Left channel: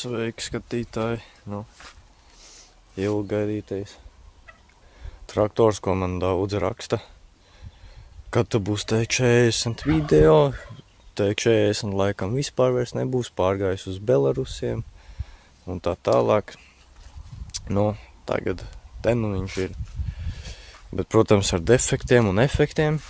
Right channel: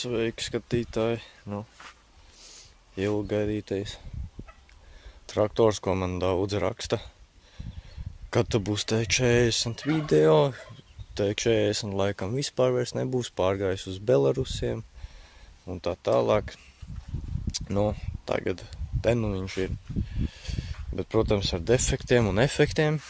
Sveiki, skatītāji! Ilgaidītais traktors, ko man daudz raksta. Kad tu būs T40 video, T40 laikam vispār vairs nebūs, pārgājis uz Belarusiem un tā tālāk. Tagad te viņš ir. Bet, protams, ar defektiem un efektiem.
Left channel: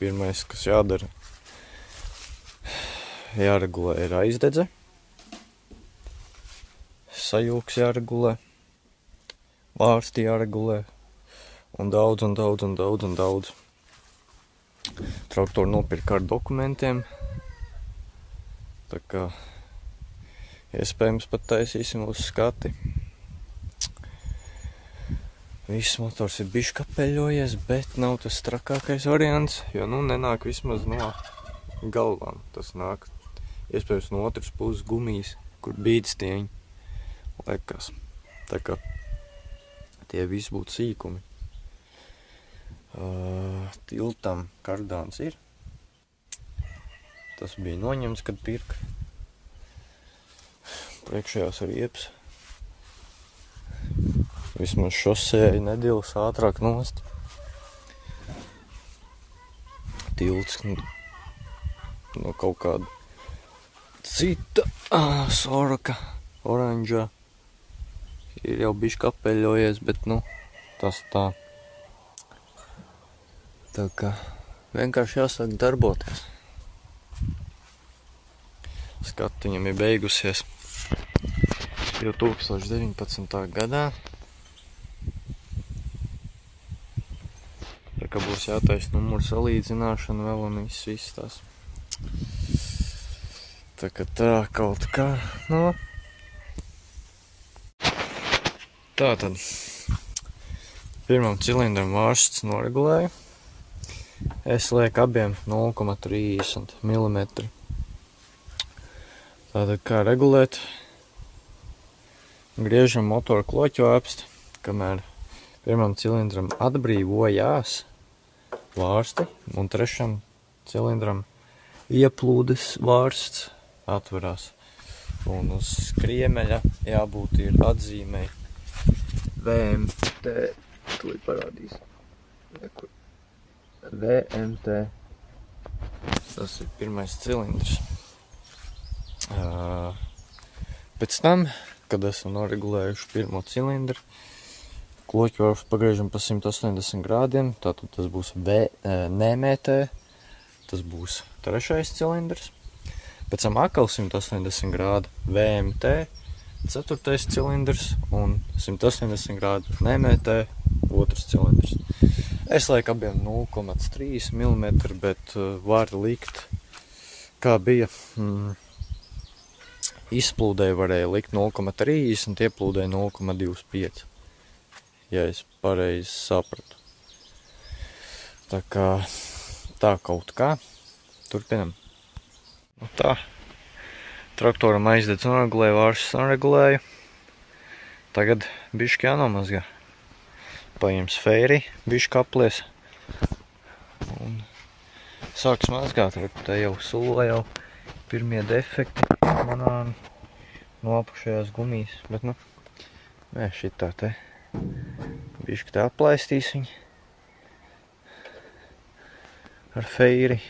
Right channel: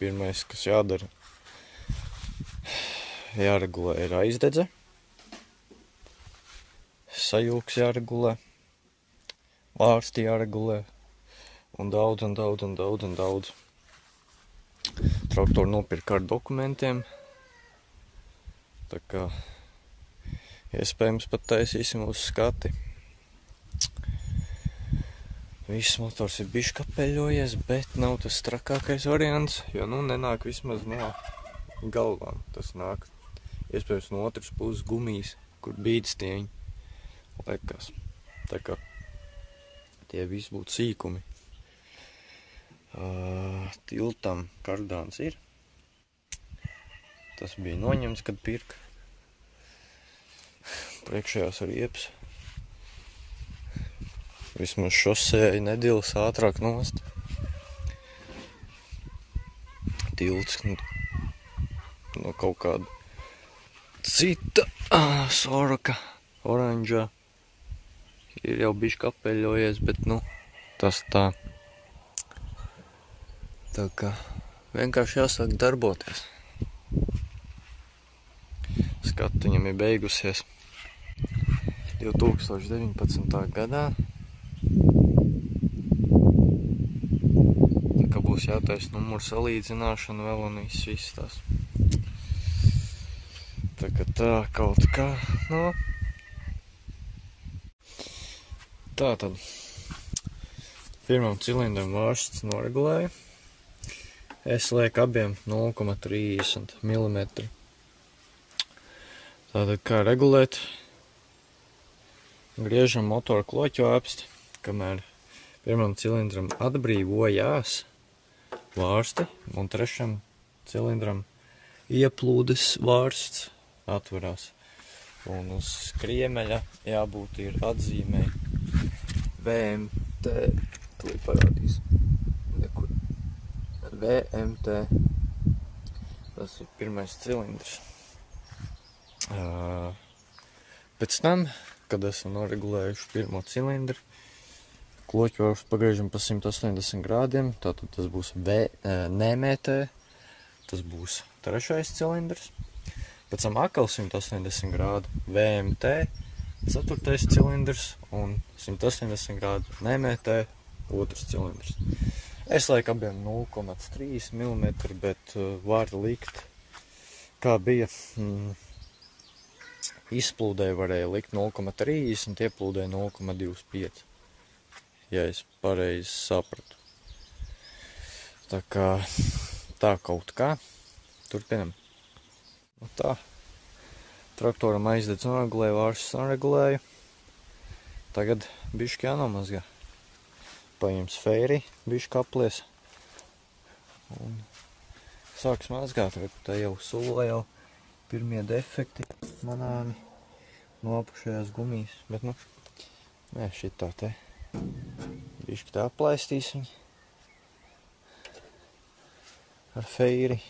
Pirmais, kas jādara, jāregulē ir aizdedze. Sajūgs jāregulē. Vārsti jāregulē. Un daudz. Traktoru nopirka ar dokumentiem. Tā kā iespējams pat taisīsim uz skati. Viss motors ir bišķi kapeļojies, bet nav tas trakākais variants, jo nenāk vismaz no galvām. Tas nāk iespējams no otras puses gumijas, kur bīdstieņi lekas. Tā kā tie visi būtu sīkumi. Tiltam kardāns ir. Tas bija noņemts, kad pirka. Priekšējās riepas. Vismaz šosēja nedēļas ātrāk nost. Tilts no kaut kāda cita Soraka oranžā. Ir jau bišķi kapeļojies, bet tas tā. Tā kā vienkārši jāsāk darboties. Skatu viņam ir beigusies jau 2019. gadā. Tā kā būs jātaisa numuru salīdzināšana vēl un viss tās. Tā kā tā kaut kā, Tātad pirmam cilindram vārsts noregulēju. Es lieku abiem 0,30 mm. Tātad kā regulēt? Griežam motoru kloķu apst, kamēr pirmam cilindram atbrīvojās vārsti un trešam cilindram ieplūdes vārsts atverās. Un uz kriemeļa jābūt ir atzīmei VMT, to ir parādījis. VMT. Tas ir pirmais cilindrs. Pēc tam, kad esam noregulējuši pirmo cilindru, kloķu vārstu pagriežam pa 180 grādiem, tātad tas būs NMT, tas būs trešais cilindrs. Pēc tam atkal 180 grādi VMT, ceturtais cilindrs un 180 grādi NMT, otrs cilindrs. Es lieku abiem 0,3 mm, bet var likt, kā bija, izplūdēji varēja likt 0,30, ieplūdēji 0,25, ja es pareizi sapratu. Tā kā tā kaut kā. Turpinam. Tā. Traktoram aizdedz noregulēju, vāršas noregulēju. Tagad bišķi jānomazgā. Paņems feiri, bišķi kaplies. Un sāks mazgāt, te jau sula jau pirmie defekti manām no apušajās gumijas. Bet nē, šitā te bišķi te aplaistīs viņu ar feiri.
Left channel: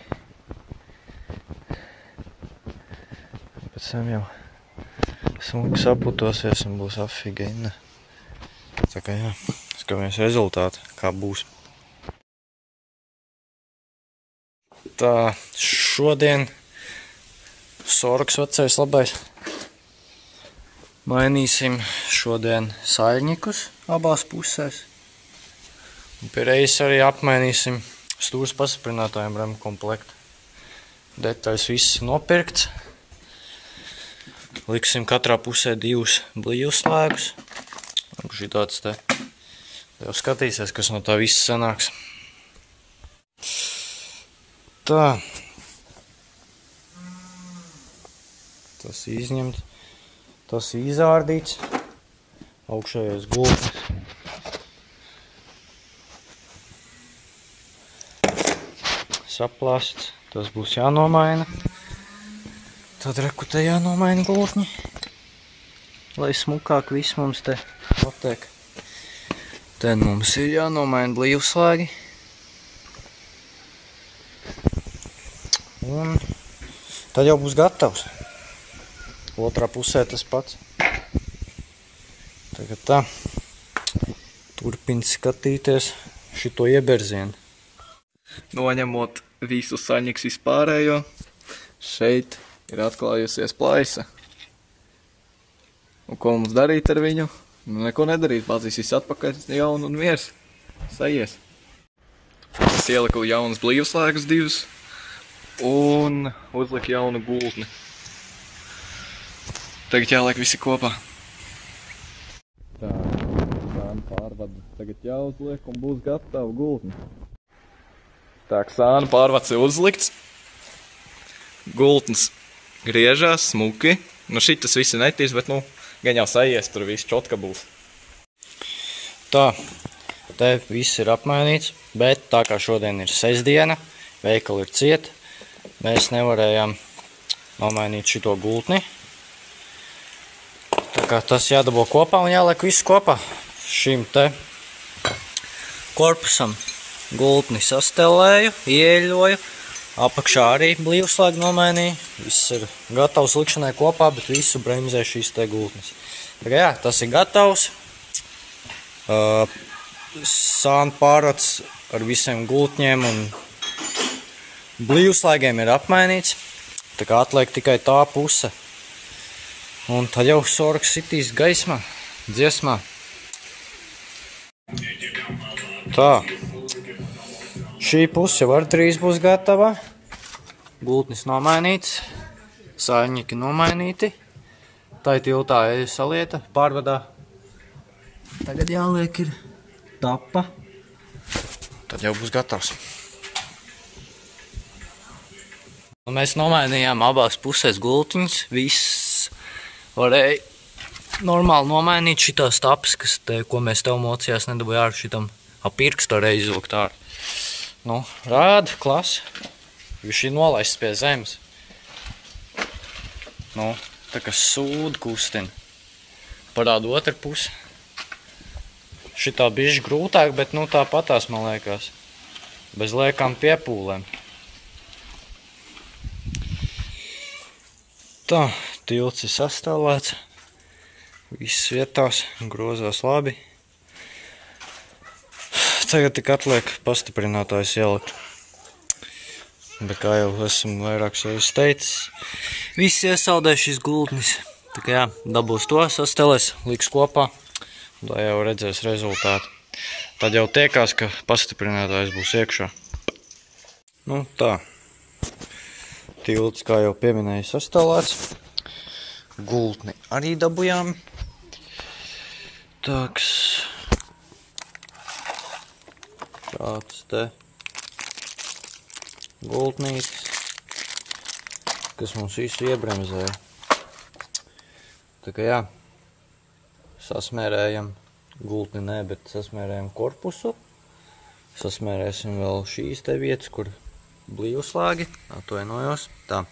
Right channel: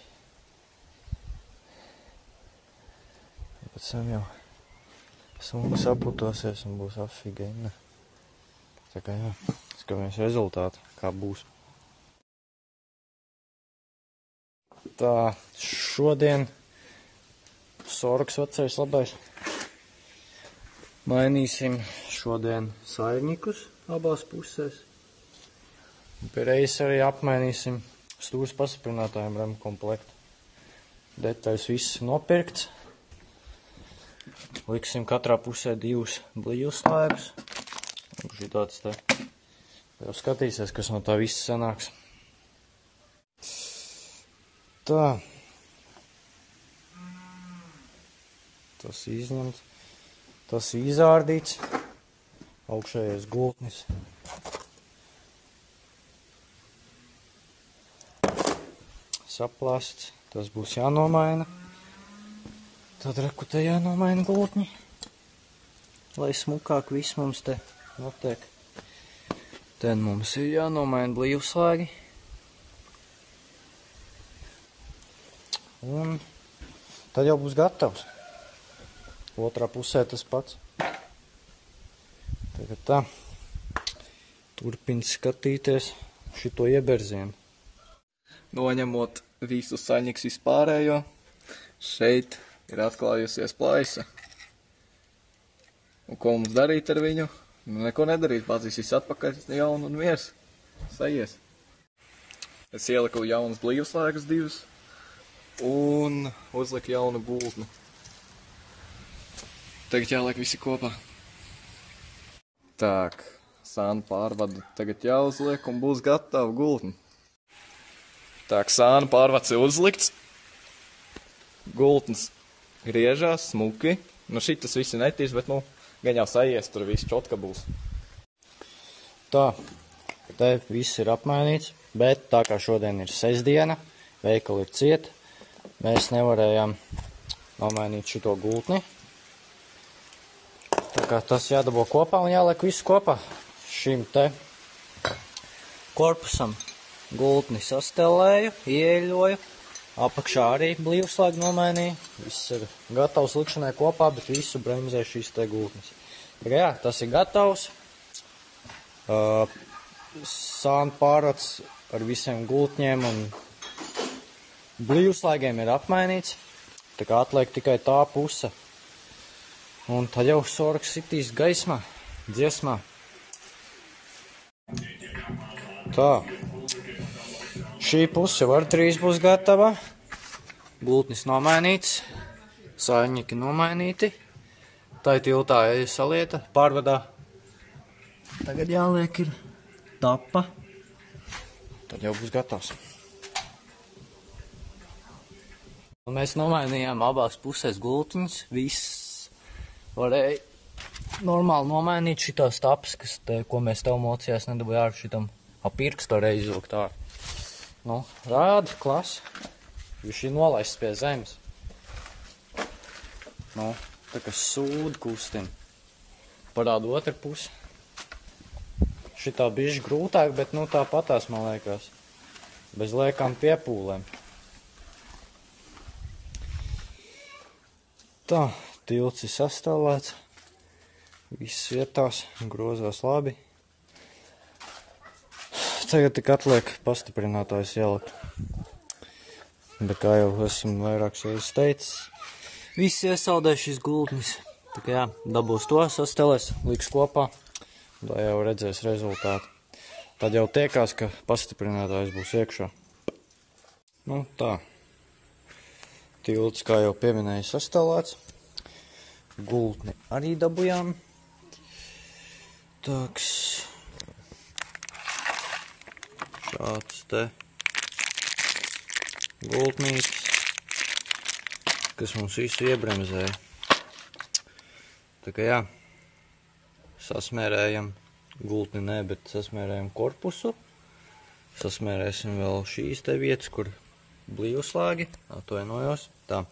Pēc tam jau smuki saputosies un būs afigēna. Tā kā jā, skatāmies rezultātu, kā būs. Tā, šodien Soraks vecais labais. Mainīsim šodien saļņikus abās pusēs. Un pie reizes arī apmainīsim stūras pastiprinātājiem remu komplektu. Detaļas viss nopirkts. Liksim katrā pusē 2 blīvus slēgus. Šitāds te jau skatīsies, kas no tā viss sanāks. Tā. Tas izņemt. Tas izārdīts. Augšējais gultas. Saplasts. Tas būs jānomaina. Tad reku te jānomaina gultņi, lai smukāk viss mums te notiek. Te mums ir jānomaina blīvslēgi. Un tad jau būs gatavs. Otrā pusē tas pats. Tagad tā. Turpin skatīties šito ieberzienu. Noņemot visu saņiks vispārējo, šeit ir atklājusies plaisa. Un ko mums darīt ar viņu? Neko nedarīt, bāzīs viss atpakaļ jaunu un miers. Sajies. Es ieliku jaunas blīvslēgas divas un uzliku jaunu gultni. Tagad jāliek visi kopā. Tā, sānu pārvadu tagad jāuzliek un būs gatava gultni. Tā, sānu pārvads ir uzlikts. Gultnis griežās smuki. Nu šitas visi netīs, bet nu gan jau sajies, tur viss čotka būs. Tā, te viss ir apmainīts, bet tā kā šodien ir sestdiena, veikali ir ciet, mēs nevarējām nomainīt šito gultni. Tā kā tas jādabo kopā un jāliek viss kopā. Šim te korpusam gultni sastelēju, ieļoju, apakšā arī blīvslēgu nomainīju. Viss ir gatavs likšanai kopā, bet visu bremzē šīs te gultnes. Tā kā jā, tas ir gatavs. Sānu pārvads ar visiem gultņiem un blīvslēgiem ir apmainīts. Tā kā atliek tikai tā puse. Un tad jau sorgs sitīs gaismā, dziesmā. Tā. Šī puse var drīz būs gatava. Gultnis nomainīts. Saļņiki nomainīti. Tā ir tiltā salieta pārvadā. Tagad jāliek ir tapa. Tad jau būs gatavs. Un mēs nomainījām abās pusēs gultiņus. Viss varēja normāli nomainīt šitās tapas, ko mēs tev mocījās nedabūja ārā šitam apirkstu arī izvilkt ārā. Nu, rāda, klasi. Viņš ir nolaists pie zemes. Nu, tā kā sūda kustina. Parāda otru pusi. Šitā bišķi grūtāk, bet nu tāpatās, man liekas. Bez liekām piepūlēm. Tā, tilts ir sastāvēts. Viss vietās, grozās labi. Tagad tik atliek pastiprinātājs ielikt. Bet kā jau esam vairākas reizes teicis, viss iesaldē šis gultnis. Tā kā jā, dabūs to, sastelēs, liks kopā, un tā jau redzēs rezultātu. Tad jau tiekās, ka pastiprinātājs būs iekšā. Nu tā. Tilts, kā jau pieminēju, sastāvēts. Gultni arī dabujām. Tāks. Šāds te gultnītis, kas mums visu iebremzēja. Tā kā jā, sasmērējam gultni nē, bet sasmērējam korpusu. Sasmērēsim vēl šīs te vietas, kur blīvslēgi, atvainojos. Tā,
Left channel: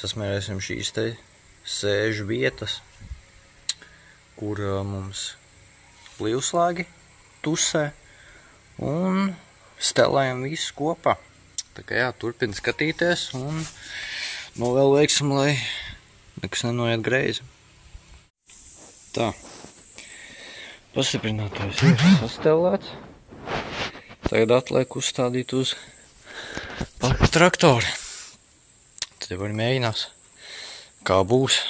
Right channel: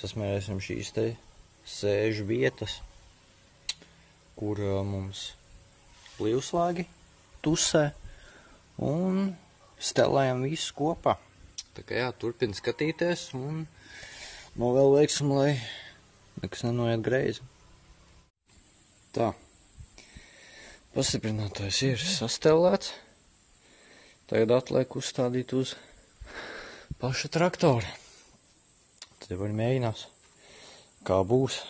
sasmērēsim šīs te sēžu vietas, kur mums blīvslēgi tusē. Un stelējam visu kopā. Tā kā jā, turpin skatīties un novēl veiksim, lai nekas nenoiet greizi. Tā. Pastiprinātājs ir sastelēts. Tagad atliek uzstādīt uz pašu traktoru. Tad jau arī mēģinās, kā būs.